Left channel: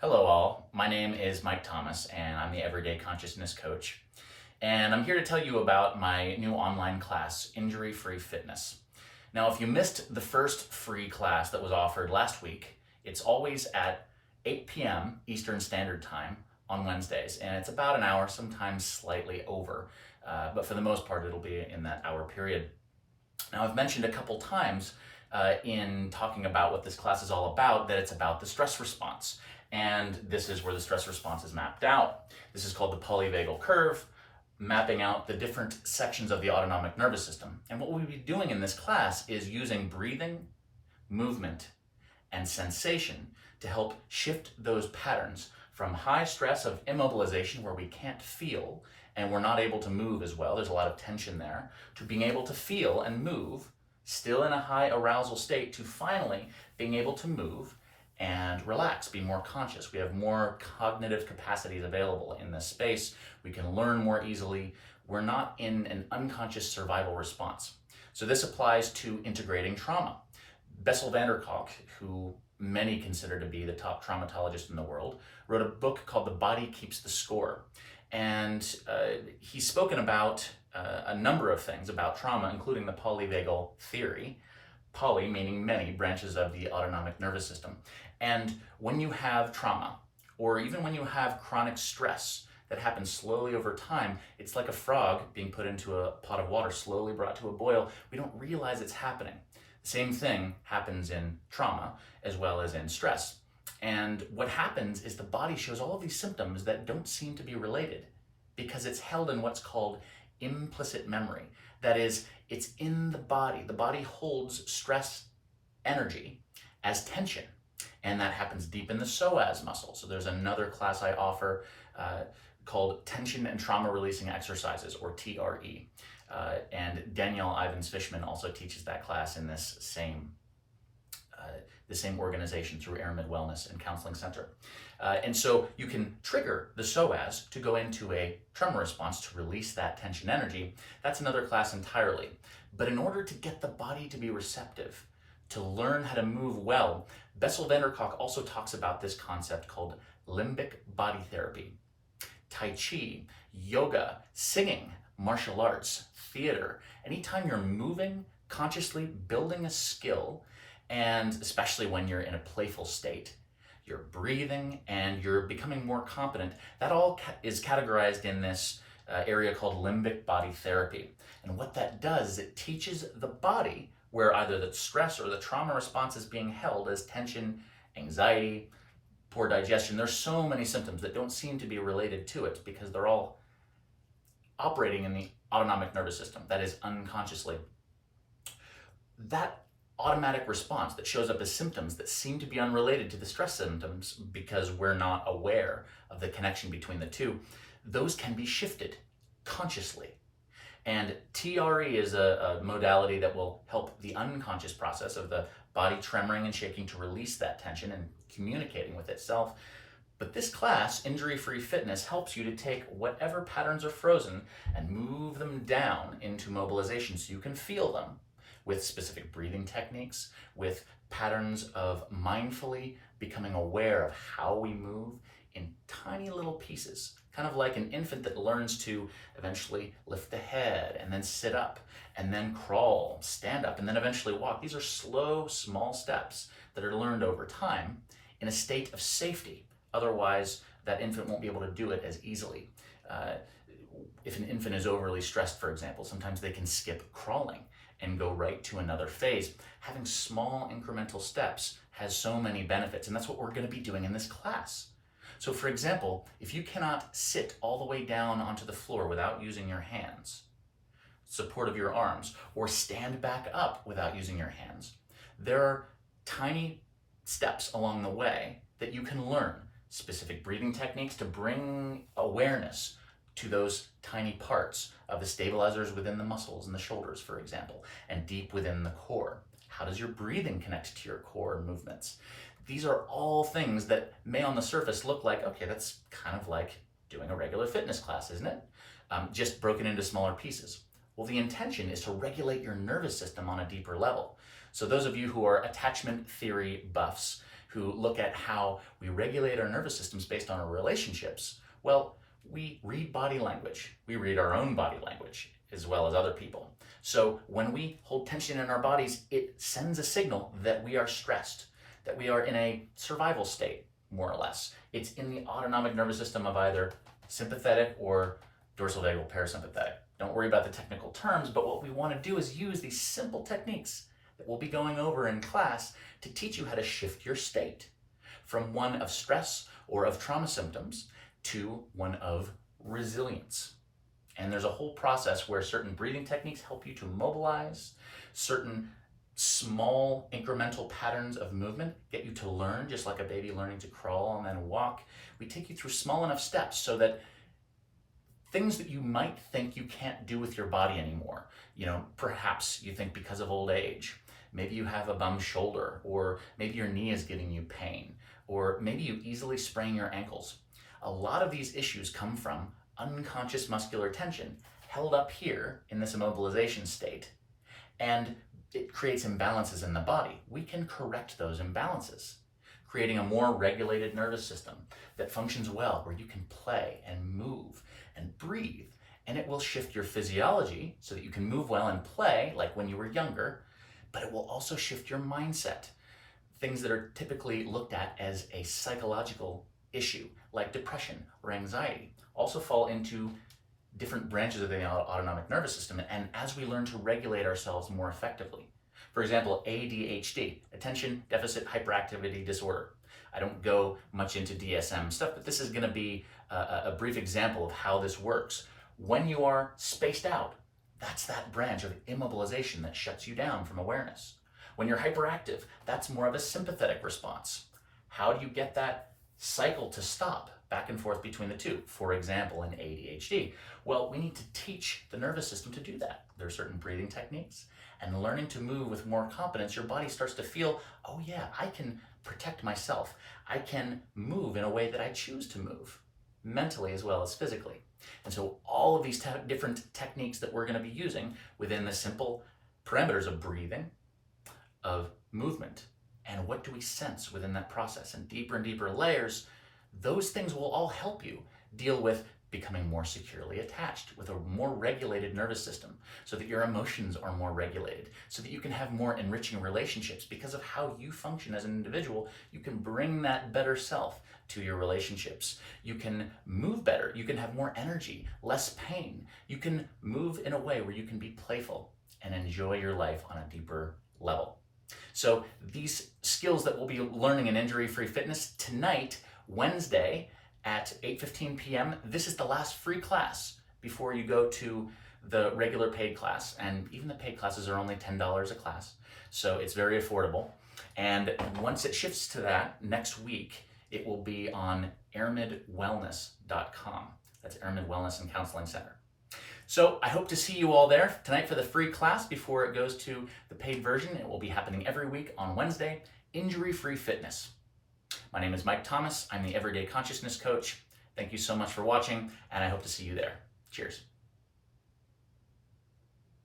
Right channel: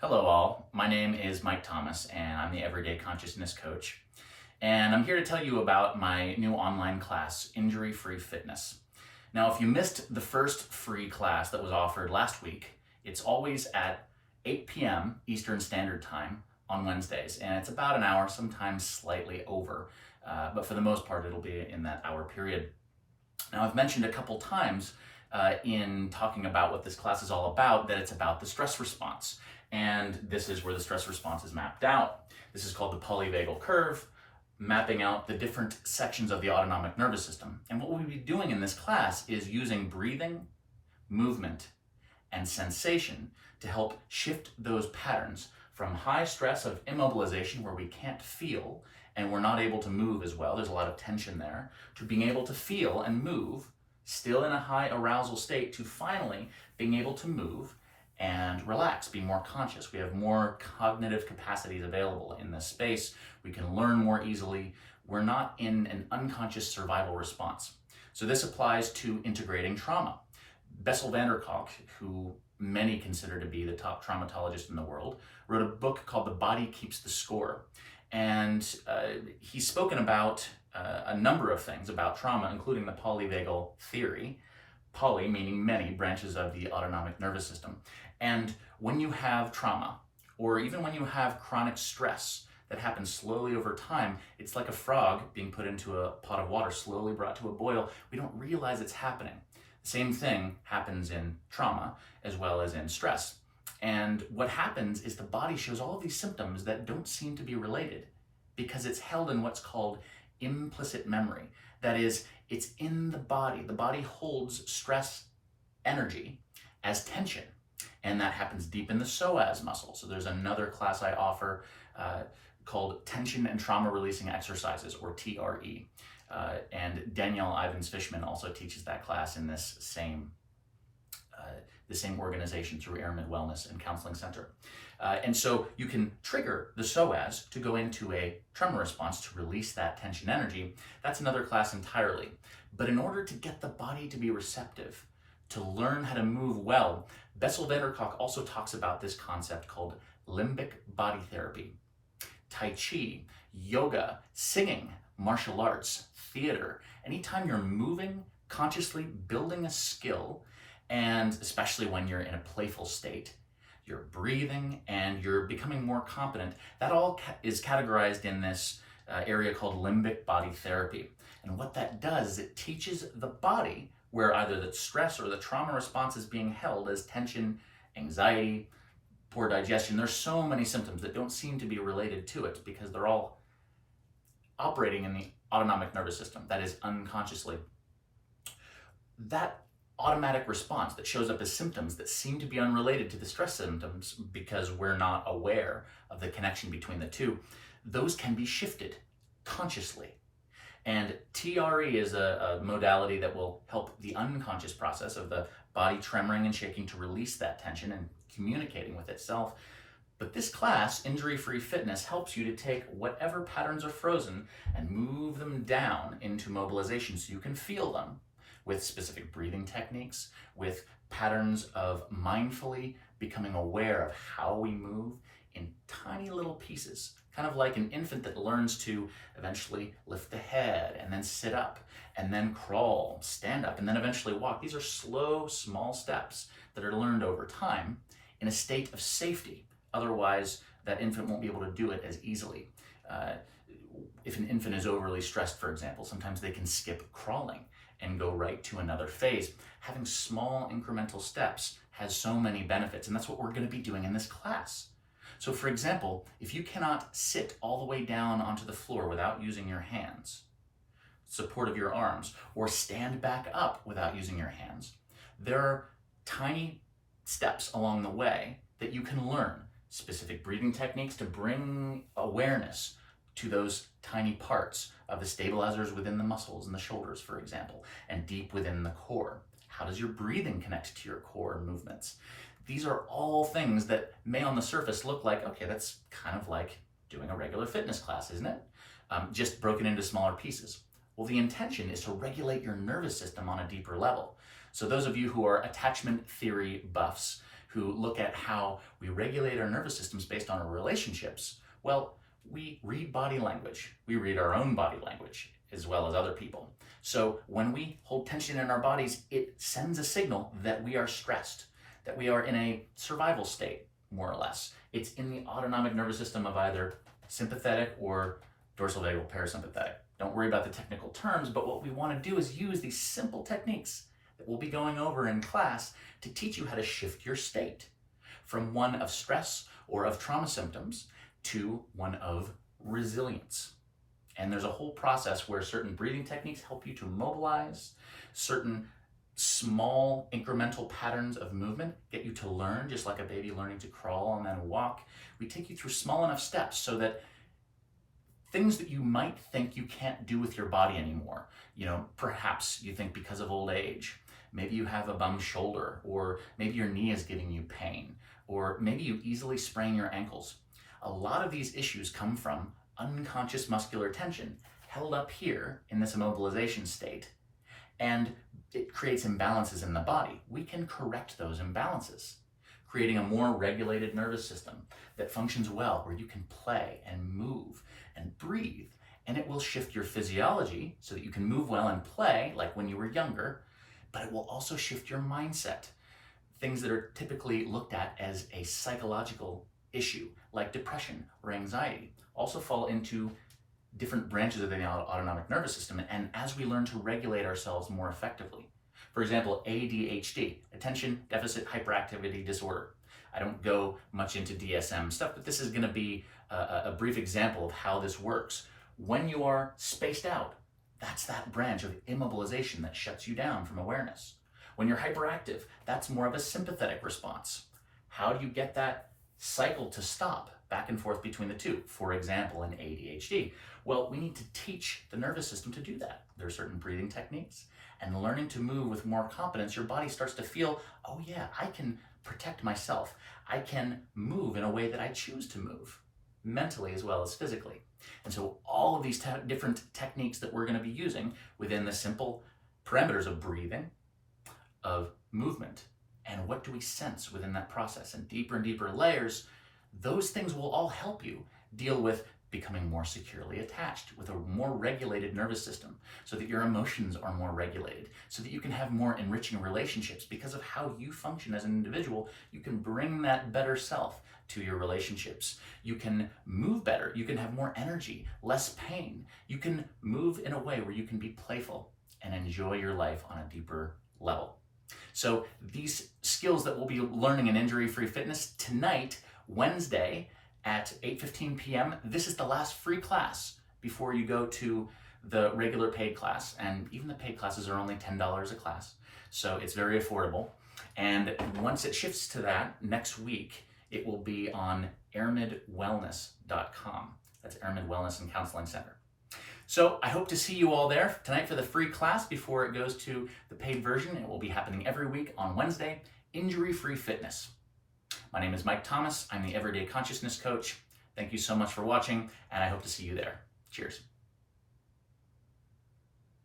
Hello all, my name is Mike Thomas and I'm the Everyday Consciousness Coach. And I'm here to tell you about my new online class, Injury-Free Fitness. Now, if you missed the first free class that was offered last week, it's always at 8 p.m. Eastern Standard Time on Wednesdays. And it's about an hour, sometimes slightly over. But for the most part, it'll be in that hour period. Now, I've mentioned a couple times in talking about what this class is all about, that it's about the stress response. And this is where the stress response is mapped out. This is called the Polyvagal Curve, mapping out the different sections of the autonomic nervous system. And what we'll be doing in this class is using breathing, movement, and sensation to help shift those patterns from high stress of immobilization, where we can't feel and we're not able to move as well, there's a lot of tension there, to being able to feel and move, still in a high arousal state, to finally being able to move and relax, be more conscious. We have more cognitive capacities available in this space. We can learn more easily. We're not in an unconscious survival response. So this applies to integrating trauma. Bessel van der Kolk, who many consider to be the top traumatologist in the world, wrote a book called The Body Keeps the Score. And he's spoken about a number of things about trauma, including the Polyvagal Theory. Poly meaning many branches of the autonomic nervous system. And when you have trauma, or even when you have chronic stress that happens slowly over time, it's like a frog being put into a pot of water, slowly brought to a boil. We don't realize it's happening. The same thing happens in trauma as well as in stress. And what happens is the body shows all of these symptoms that don't seem to be related because it's held in what's called implicit memory. That is, it's in the body. The body holds stress energy as tension, and that happens deep in the psoas muscle. So there's another class I offer called Tension and Trauma Releasing Exercises, or TRE. And Danielle Ivins-Fishman also teaches that class in this same organization through AirMid Wellness and Counseling Center. And so you can trigger the psoas to go into a tremor response to release that tension energy. That's another class entirely. But in order to get the body to be receptive, to learn how to move well, Bessel van der Kolk also talks about this concept called limbic body therapy. Tai Chi, yoga, singing, martial arts, theater. Anytime you're moving, consciously building a skill, and especially when you're in a playful state, you're breathing and you're becoming more competent, that all is categorized in this area called limbic body therapy. And what that does is it teaches the body where either the stress or the trauma response is being held as tension, anxiety, poor digestion. There's so many symptoms that don't seem to be related to it because they're all operating in the autonomic nervous system, that is unconsciously. That automatic response that shows up as symptoms that seem to be unrelated to the stress symptoms because we're not aware of the connection between the two, those can be shifted consciously. And TRE is a modality that will help the unconscious process of the body tremoring and shaking to release that tension and communicating with itself. But this class, Injury-Free Fitness, helps you to take whatever patterns are frozen and move them down into mobilization so you can feel them, with specific breathing techniques, with patterns of mindfully becoming aware of how we move in tiny little pieces, kind of like an infant that learns to eventually lift the head and then sit up and then crawl, stand up, and then eventually walk. These are slow, small steps that are learned over time in a state of safety. Otherwise, that infant won't be able to do it as easily. If an infant is overly stressed, for example, sometimes they can skip crawling and go right to another phase. Having small incremental steps has so many benefits, and that's what we're going to be doing in this class. So for example, if you cannot sit all the way down onto the floor without using your hands, support of your arms, or stand back up without using your hands, there are tiny steps along the way that you can learn, specific breathing techniques to bring awareness to those tiny parts of the stabilizers within the muscles and the shoulders, for example, and deep within the core. How does your breathing connect to your core movements? These are all things that may on the surface look like, okay, that's kind of like doing a regular fitness class, isn't it? Just broken into smaller pieces. Well, the intention is to regulate your nervous system on a deeper level. So those of you who are attachment theory buffs, who look at how we regulate our nervous systems based on our relationships, well, we read body language. We read our own body language as well as other people. So when we hold tension in our bodies, it sends a signal that we are stressed, that we are in a survival state, more or less. It's in the autonomic nervous system of either sympathetic or dorsal vagal parasympathetic. Don't worry about the technical terms, but what we want to do is use these simple techniques that we'll be going over in class to teach you how to shift your state from one of stress or of trauma symptoms to one of resilience. And there's a whole process where certain breathing techniques help you to mobilize, certain small incremental patterns of movement get you to learn, just like a baby learning to crawl and then walk. We take you through small enough steps so that things that you might think you can't do with your body anymore, perhaps you think because of old age, maybe you have a bum shoulder, or maybe your knee is giving you pain, or maybe you easily sprain your ankles. A lot of these issues come from unconscious muscular tension held up here in this immobilization state, and it creates imbalances in the body. We can correct those imbalances, creating a more regulated nervous system that functions well, where you can play and move and breathe, and it will shift your physiology so that you can move well and play like when you were younger, but it will also shift your mindset. Things that are typically looked at as a psychological issue, like depression or anxiety, also fall into different branches of the autonomic nervous system, and as we learn to regulate ourselves more effectively. For example, ADHD, attention deficit hyperactivity disorder. I don't go much into DSM stuff, but this is going to be a brief example of how this works. When you are spaced out, that's that branch of immobilization that shuts you down from awareness. When you're hyperactive, that's more of a sympathetic response. How do you get that cycle to stop back and forth between the two? For example, in ADHD, well, we need to teach the nervous system to do that. There are certain breathing techniques, and learning to move with more confidence, your body starts to feel, oh yeah, I can protect myself. I can move in a way that I choose to move, mentally as well as physically. And so all of these different techniques that we're going to be using within the simple parameters of breathing, of movement, and what do we sense within that process, and deeper layers, those things will all help you deal with becoming more securely attached with a more regulated nervous system, so that your emotions are more regulated, so that you can have more enriching relationships. Because of how you function as an individual, you can bring that better self to your relationships. You can move better, you can have more energy, less pain. You can move in a way where you can be playful and enjoy your life on a deeper level. So these skills that we'll be learning in Injury-Free Fitness tonight, Wednesday, at 8:15 p.m. This is the last free class before you go to the regular paid class. And even the paid classes are only $10 a class. So it's very affordable. And once it shifts to that next week, it will be on airmidwellness.com. That's AirMid Wellness and Counseling Center. So I hope to see you all there tonight for the free class before it goes to the paid version. It will be happening every week on Wednesday, Injury-Free Fitness. My name is Mike Thomas. I'm the Everyday Consciousness Coach. Thank you so much for watching, and I hope to see you there. Cheers.